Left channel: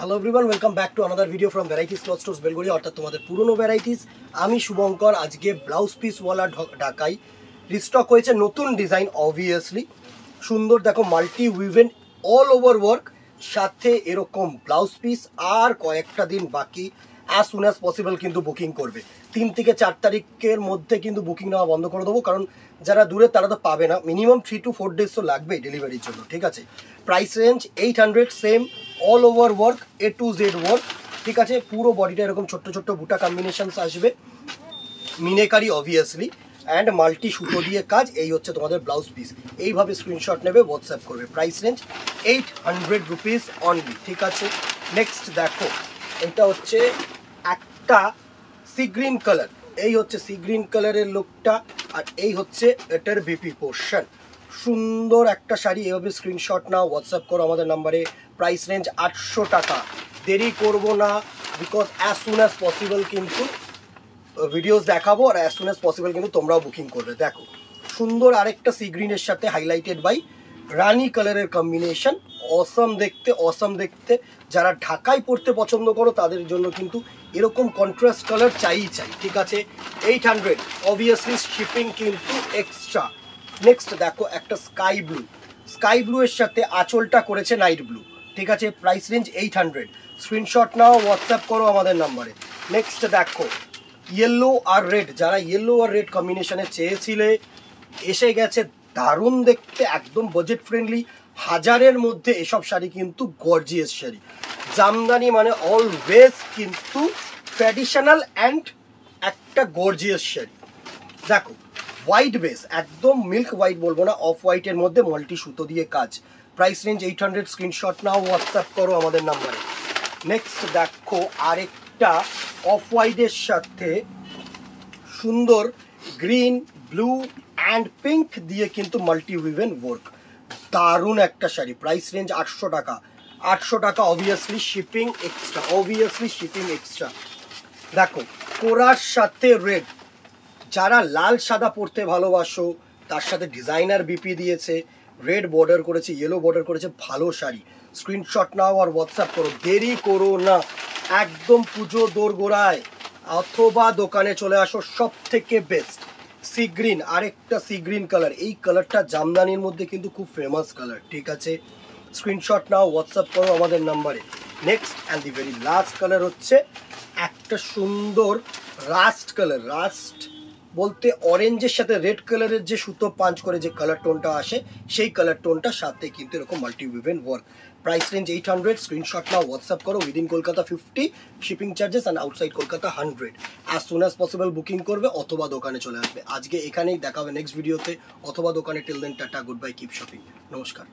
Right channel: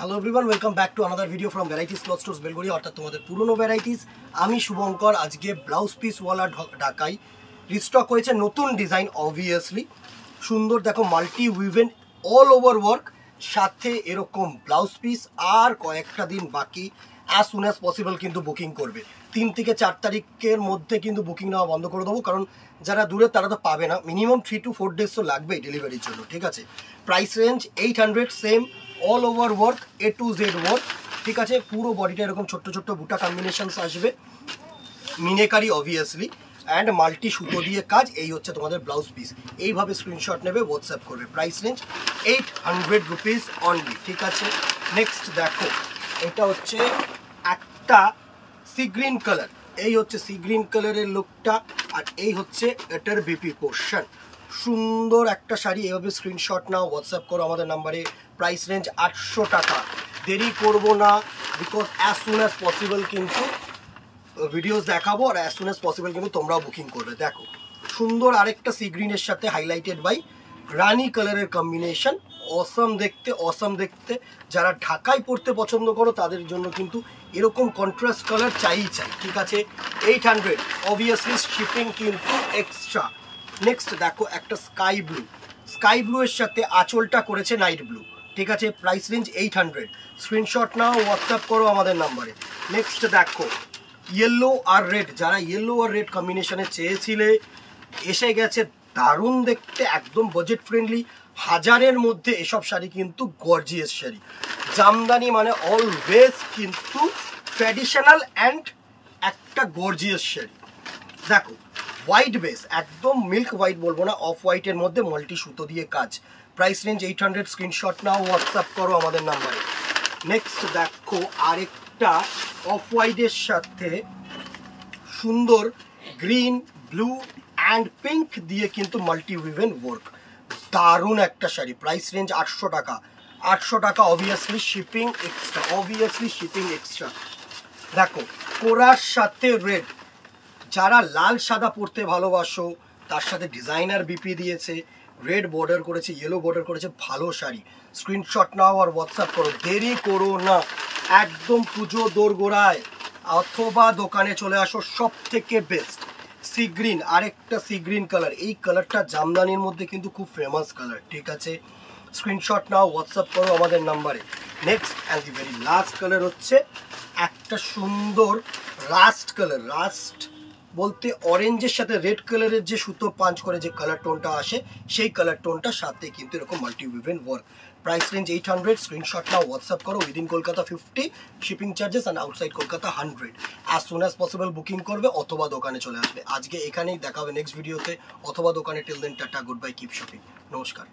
Hello everyone, welcome back to another video from varieties cloth stores Belgharia, অর্থাৎ তোমাদের পুরনো varieties. আমি শুভঙ্কর। আজকে ব্লাউজ পিসওয়ালা ঢাকাই রিস্টক হয়েছে নতুন ডিজাইন। অবভিয়াসলি সুন্দর, দেখো মাল্টি উইভেন অল ওভার ওয়ার্ক, সাথে এরকম ব্লাউজ পিস। আর কয়েকটা দিন বাকি, অ্যাজ সুন অ্যাজ পসিবল কিন্তু বুকিং করবে। 3 থেকে 4 তারিখের মধ্যে কিন্তু বুকিং নেওয়া বন্ধ করে দেবো, কারণ যারা দূরে তারা তো পাবে না। মিনিমাম 3 to 4 ডেজ তো লাগবে ডেলিভারির জন্য, ঠিক আছে। Price range 800, same all over work, A to Z work, ঠিক আছে। পুরো বডিটা এরকম ছোট্ট ছোট্ট বুটা কম্বিনেশনস আসবে, মিনেকারি অবভিয়াসলি, অ্যান্ড মাল্টি সুতো দিয়ে কাজ। এই হচ্ছে তোমাদের ব্লাউজ পিস। এইভাবে স্ক্রিনশট নেবে, হোয়াটসঅ্যাপ করবে। প্রাইস রেঞ্জ 800 রুপিস অনলি, ঠিক আছে। নেক্সট দেখো, এটা হচ্ছে একটা সি গ্রিন কালার। এই হচ্ছে সি গ্রিন কালারের লুকটা, আর এই হচ্ছে এটার বিপি পোর্শন। সুন্দর একটা শাড়ি। এভাবে স্ক্রিনশট নাও, হোয়াটসঅ্যাপ করো আমাদের নাম্বারে। প্রাইস রেঞ্জ 800 টাকা। দেরি করব না, because as soon as possible কিন্তু ভিডিওস দেখাবো, আর অ্যাজ সুন অ্যাজ পসিবল কিন্তু তোমরাও বুকিং করবে। দেখো সুন্দর আরেকটা সি গ্রিনের সাথে হাইলাইটেড বাই রানি কালারের কম্বিনেশন। অসম দেখতে, অসম দেখতে। যারা ঢাকায় পড়তে পছন্দ করো তাদের জন্য কিন্তু এরকম কন্ট্রাস্ট কালার চাই, ঠিক আছে। 800, অবভিয়াসলি শিপিং কিন্তু এক্সট্রা। নেক্সট দেখো একটা স্কাই ব্লু। স্কাই ব্লু এর সাথে আঁচলটা করেছে নাইট ব্লু, ঠিক আছে। Price range 800। স্ক্রিনশট নাও, হোয়াটসঅ্যাপ করো আমাদের নাম্বারে। নেক্সট দেখো ইয়েলো আর রেড। যারা ইয়েলো আর রেড কম্বিনেশনে চেয়েছিলে, এসে গেছে। দারুণ দেখতে, একদম বাজেট ফ্রেন্ডলি। 1000-এর মধ্যে এসব শাড়ি কিন্তু গর্জিয়াস শাড়ি। জামদানি মানে অলওয়েজ কিন্তু ট্র্যাডিশনাল অ্যান্ড একটা গর্জিয়াস শাড়ি। দেখো হোয়াইট বেস, একদম মিল্ক হোয়াইট বলবো না, অফ হোয়াইটের মধ্যে মাল্টি সুতো দিয়ে কাজ। Price range 800। স্ক্রিনশট নাও, হোয়াটসঅ্যাপ করো আমাদের নাম্বারে। নেক্সট দেখো আরেকটা অফ হোয়াইটের সাথে সুন্দর গ্রিন, ব্লু অ্যান্ড পিঙ্ক দিয়ে কিন্তু মাল্টি উইভেন ওয়ার্ক। দারুণ একটা শাড়ি। প্রাইস রেঞ্জ 800 টাকা। 800 টাকা, obviously shipping extra, obviously shipping extra. দেখো কোরার সাথে রেড। যারা লাল সাদা পরতে ভালোবাসো, তার সাথে ডিজাইনার বিপি দিয়েছে, রেড বর্ডার করেছে, ইয়েলো বর্ডার করেছে, ভালো শাড়ি। স্ক্রিনশট নাও আর হোয়াটসঅ্যাপ করো, দেরি করো না। একদম পুজো দোরগোড়ায়, অথবা দোকানে চলে আসো। সব থেকে বেস্ট সি গ্রিন, আরেকটা সি গ্রিন কালার। এই কালারটা জামদানির মধ্যে কিন্তু খুব ফেমাস কালার, ঠিক আছে। স্ক্রিনশট নাও, হোয়াটসঅ্যাপ করো আমাদের নাম্বারে। Next and the very last colour হচ্ছে একটা সুন্দর রাস্ট কালার। রাস্ট বলতে অরেঞ্জের সাথে রেড কালারের যে সুতো পাঞ্চ করে যে কালার টোনটা আসে, সেই কালার টোনটা সাথে কিন্তু এরকম multi woven work. Price range 800। Screenshot নাও, হোয়াটসঅ্যাপ করো। Within Kolkata 50 shipping charges, and outside Kolkata 100। As soon as possible booking করবে, অথবা দোকানে চলে আসবে। আজকে এখানেই দেখাবে নেক্সট ভিডিওতে, অথবা দোকানে। Till then tata, good bye, keep shopping. নমস্কার।